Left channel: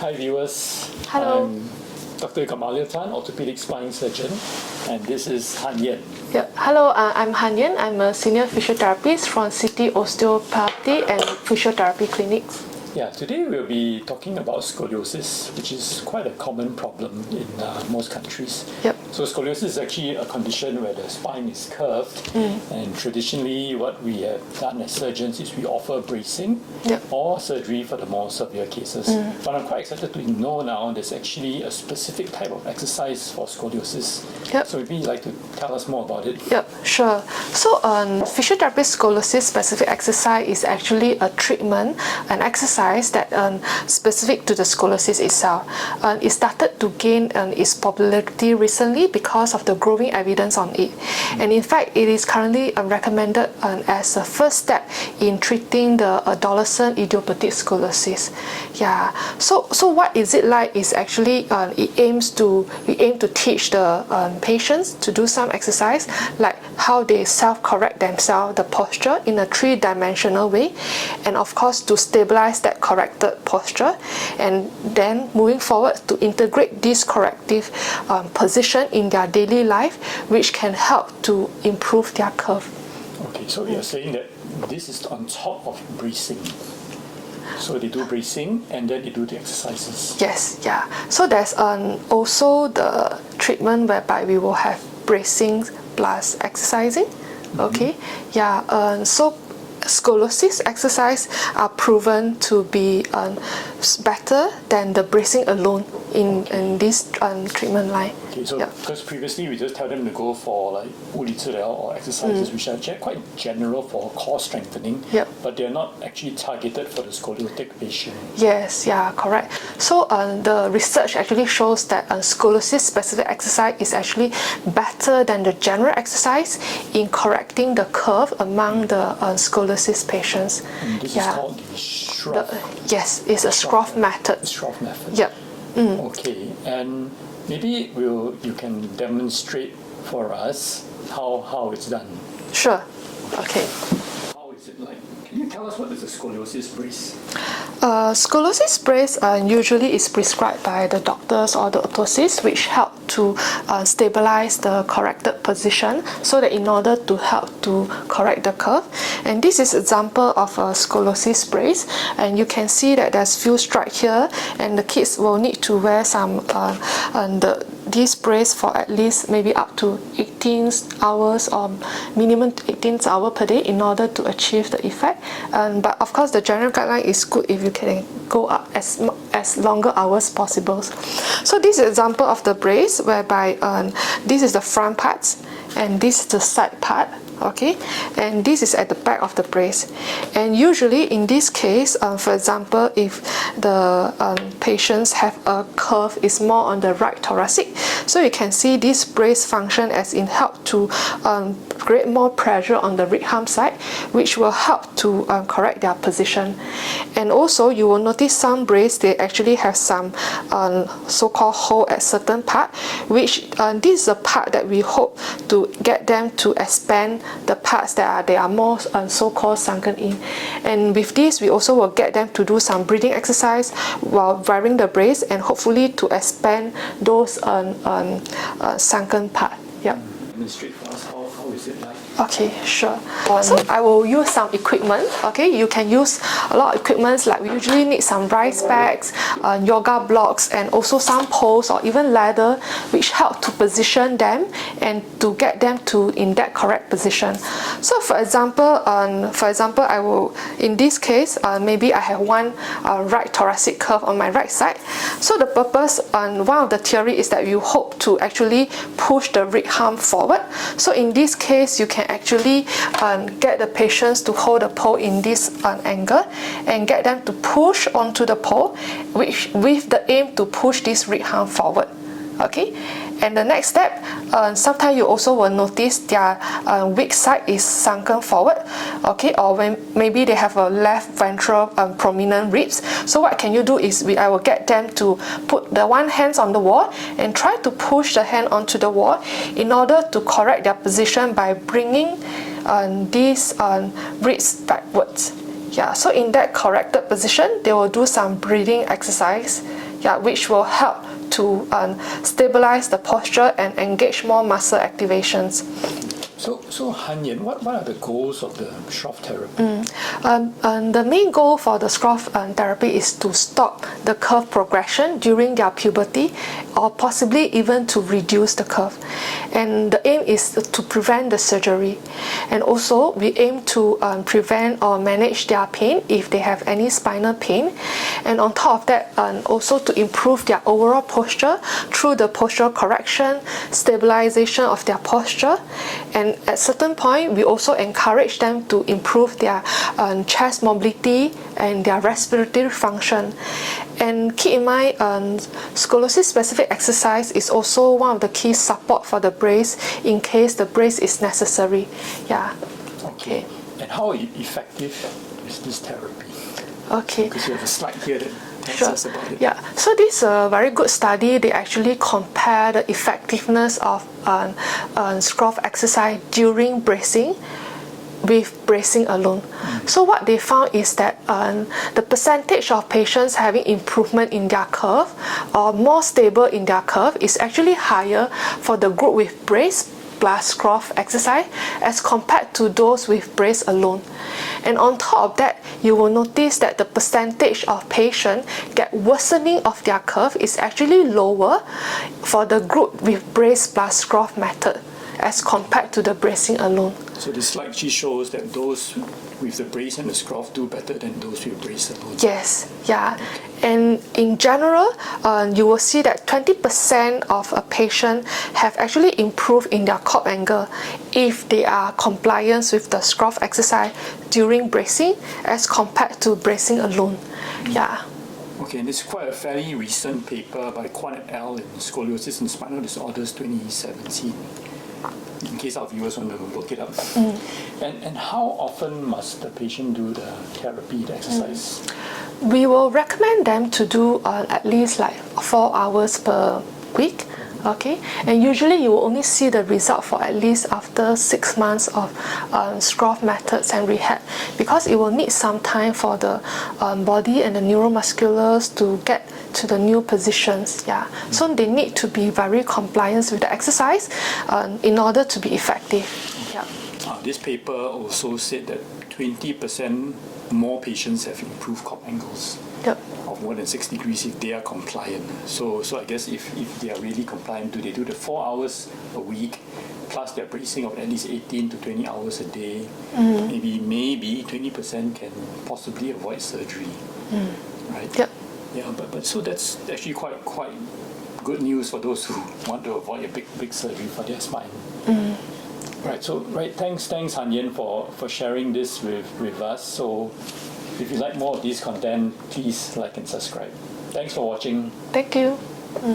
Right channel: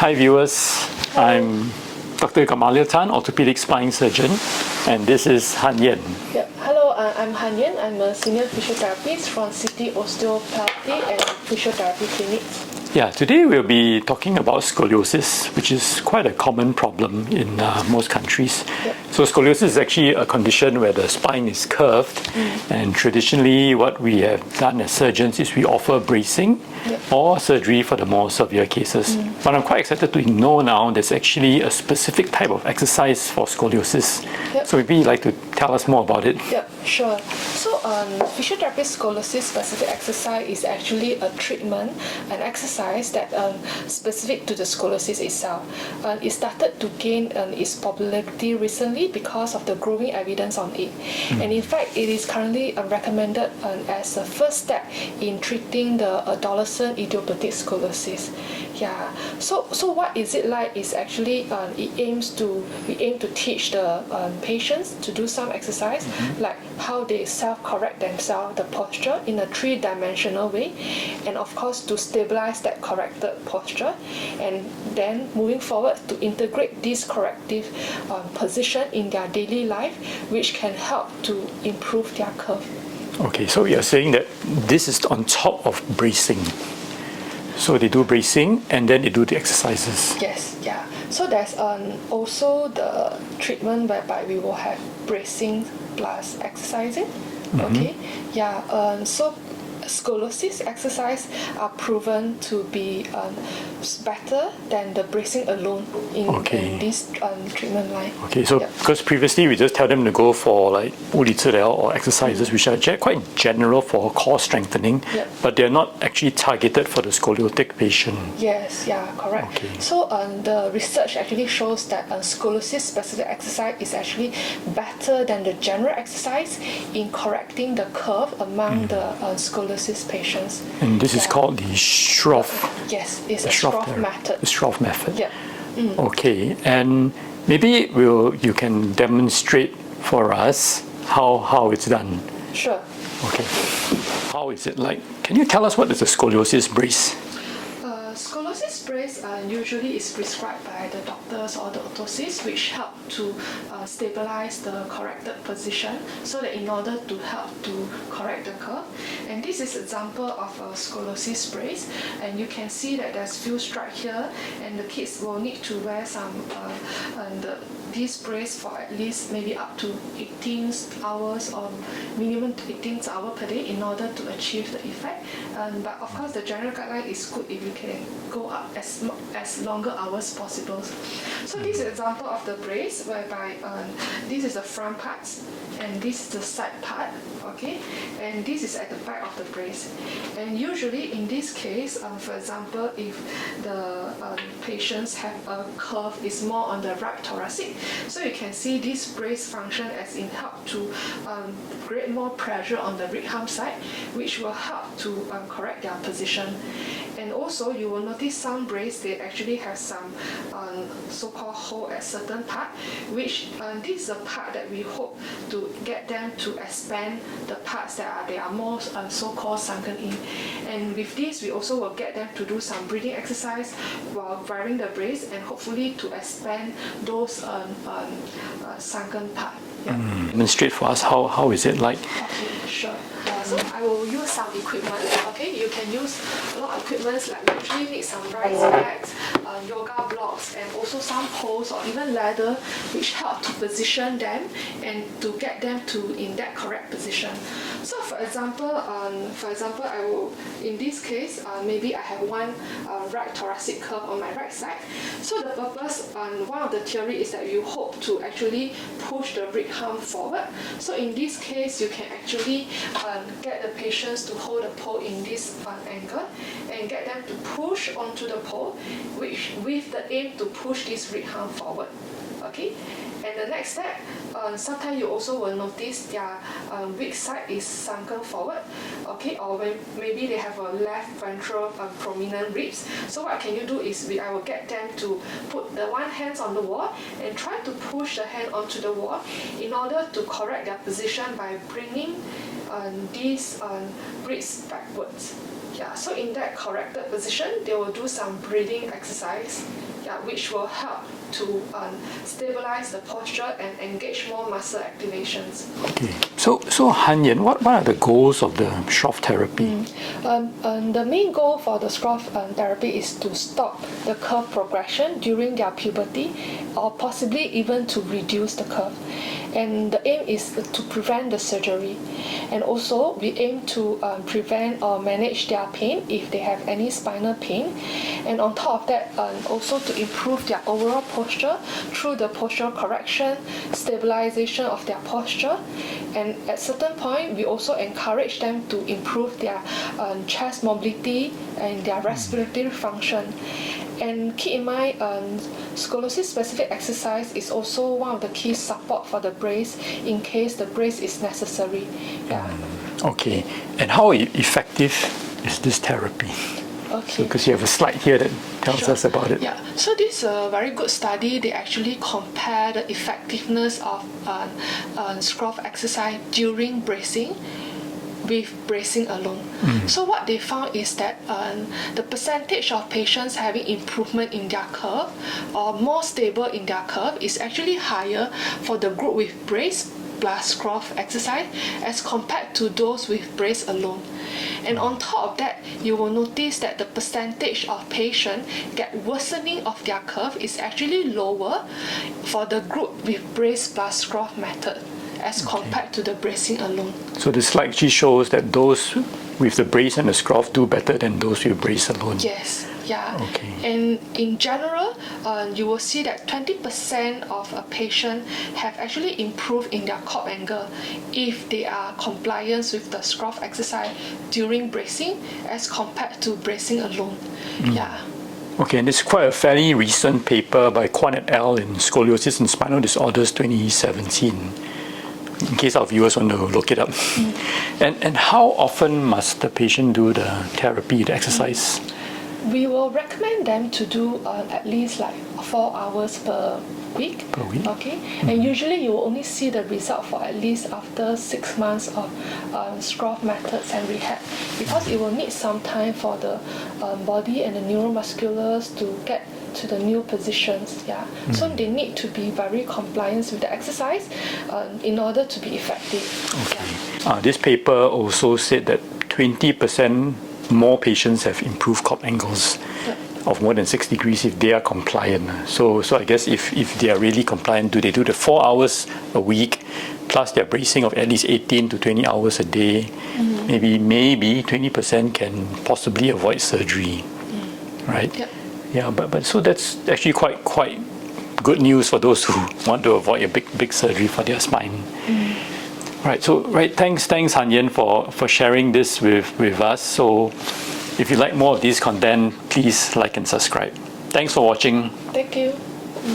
Hi viewers, Hello. I'm Dr. Gamaliel, orthopedic spine surgeon, and this is Han Yen. Yeah. Hello, I'm Han Yen. I'm a senior physiotherapist from City Osteopathy and Physiotherapy Clinics. Yeah, today we'll be talking about scoliosis, which is quite a common problem in most countries. Yep. So scoliosis is actually a condition where the spine is curved, and traditionally what we have done as surgeons is we offer bracing or surgery for the more severe cases. But I'm quite excited to know now there's actually a specific type of exercise for scoliosis. Yep. So maybe you'd like to tell us more about it. Yep, sure. So physiotherapy scoliosis-specific exercise is actually a treatment, an exercise that specific to the scoliosis itself. It started to gain its popularity recently because of the growing evidence on it. And in fact, it is currently recommended as a first step in treating the adolescent idiopathic scoliosis. Yeah. So what is it like? Is actually we aim to teach the patients to do some exercise like how they self-correct themselves, the posture in a three-dimensional way, and of course to stabilize that corrected posture, and then moving forward to integrate this corrective position in their daily life, which can help to improve their curve. Okay, so you're saying that this is on top of bracing. So they do bracing and then they do the exercises. Yes, yeah. So there's also the treatment whereby we will have bracing plus exercising. Okay, yeah. So scoliosis exercise are proven to be better than the bracing alone in this treatment line. Okay, so because previously we just tell them to go for like 物理治疗 or exercises which are quite general for core strengthening, but they're not actually targeted for the scoliotic patient. Yes, yeah, correct. Okay. So the research actually shows that scoliosis specific exercise is actually better than the general exercise in correcting the curve among the scoliosis patients. And this is called the Schroth. Yes, it's a Schroth Method. The Schroth Method. Yeah. Okay, and maybe you can demonstrate for us how it's done. Sure. Okay. How is it like? Can you tell us what is a scoliosis brace? Scoliosis brace usually is prescribed by the doctors or the orthosists, which help to stabilize the corrected position, so that in order to help to correct the curve. And this is example of a scoliosis brace, and you can see that there's few stripes here, and the kids will need to wear some this brace for at least maybe up to 18 hours or minimum 18 hours per day in order to achieve the effect. But of course the general guideline is good if you can go up as longer hours possible. So this is an example of the brace whereby this is the front part and this is the side part. Okay, and this is at the back of the brace. And usually in this case, for example, if the patients have a curve is more on the right thoracic, so you can see this brace function as in help to create more pressure on the rib arm side, which will help to correct their position. And also you will notice some brace, they actually have some so-called hole at certain part, which this is a part that we hope to get them to expand the parts that are more so-called sunken in. And with this we also will get them to do some breathing exercise while wearing the brace, and hopefully to expand those sunken part. Yeah. Demonstrate for us how is it like? Okay, sure. So I will use some equipment. Okay, you can use a lot of equipments, like we usually need some rice bags, yoga blocks, and also some poles or even ladder, which help to position them and to get them to in that correct position. So for example, I will, in this case, maybe I have one right thoracic curve on my right side. So the purpose and one of the theory is that you hope to actually push the rib arm forward. So in this case, you can actually get the patients to hold the pole in this angle and get them to push onto the pole, which with the aim to push this rib arm forward. Okay. And the next step, sometimes you also will notice their weak side is sunken forward, okay, or when maybe they have a left ventral prominent ribs. So what can you do is I will get them to put the one hand on the wall and try to push the hand onto the wall in order to correct their position by bringing these ribs backwards. Yeah, so in that corrected position, they will do some breathing exercise, yeah, which will help to stabilize the posture and engage more muscle activations. Okay. So Han Yen, what are the goals of the Schroth Therapy? The main goal for the Schroth therapy is to stop the curve progression during their puberty, or possibly even to reduce the curve. And the aim is to prevent the surgery. And also we aim to prevent or manage their pain if they have any spinal pain. And on top of that, also to improve their overall posture through the postural correction, stabilization of their posture. And at certain point, we also encourage them to improve their chest mobility and their respiratory function. And keep in mind, scoliosis-specific exercise is also one of the key support for the brace in case the brace is necessary. Yeah. Okay. And how effective is this therapy? Okay. Because you have a slide here that tells us about it. Yeah, so this is a very good study. They actually compare the effectiveness of Schroth exercise during bracing with bracing alone. So what they found is that the percentage of patients having improvement in their curve or more stable in their curve is actually higher for the group with brace plus Schroth exercise as compared to those with brace alone. And on top of that, you will notice that the percentage of patients get worsening of their curve is actually lower for the group with brace plus Schroth method as compared to the bracing alone. So the slide actually shows that those with the brace and the Schroth do better than those with brace alone. Yes, yeah. Okay. And in general, you will see that 20% of a patient have actually improved in their corp angle if they are compliant with the Schroth exercise during bracing as compared to bracing alone. Yeah. Okay, and it's quite a fairly recent paper by Kwan et al. In Scoliosis and Spinal Disorders 2017. In case our viewers want to look it up. And how often must the patient do the therapy, the exercise? We will recommend them to do at least like 4 hours per week. Okay, and usually you will only see the result for at least after 6 months of Schroth methods and rehab, because it will need some time for the body and the neuromusculars to get to the new positions. Yeah, so they need to be very compliant with the exercise in order to be effective. Okay. Yeah. This paper also said that 20% more patients have improved corp angles of more than 6 degrees if they are compliant. So I guess if they are really compliant, do they do the 4 hours a week plus their bracing of at least 18 to 20 hours a day? Maybe 20% can possibly avoid surgery, right? Yep. Yeah, but so that's actually quite good news for those who want to avoid a big surgery for their spine. Right. So thanks Han Yen for sharing this with us. So if you like more of this content, please like and subscribe. Thanks for watching. Thank you.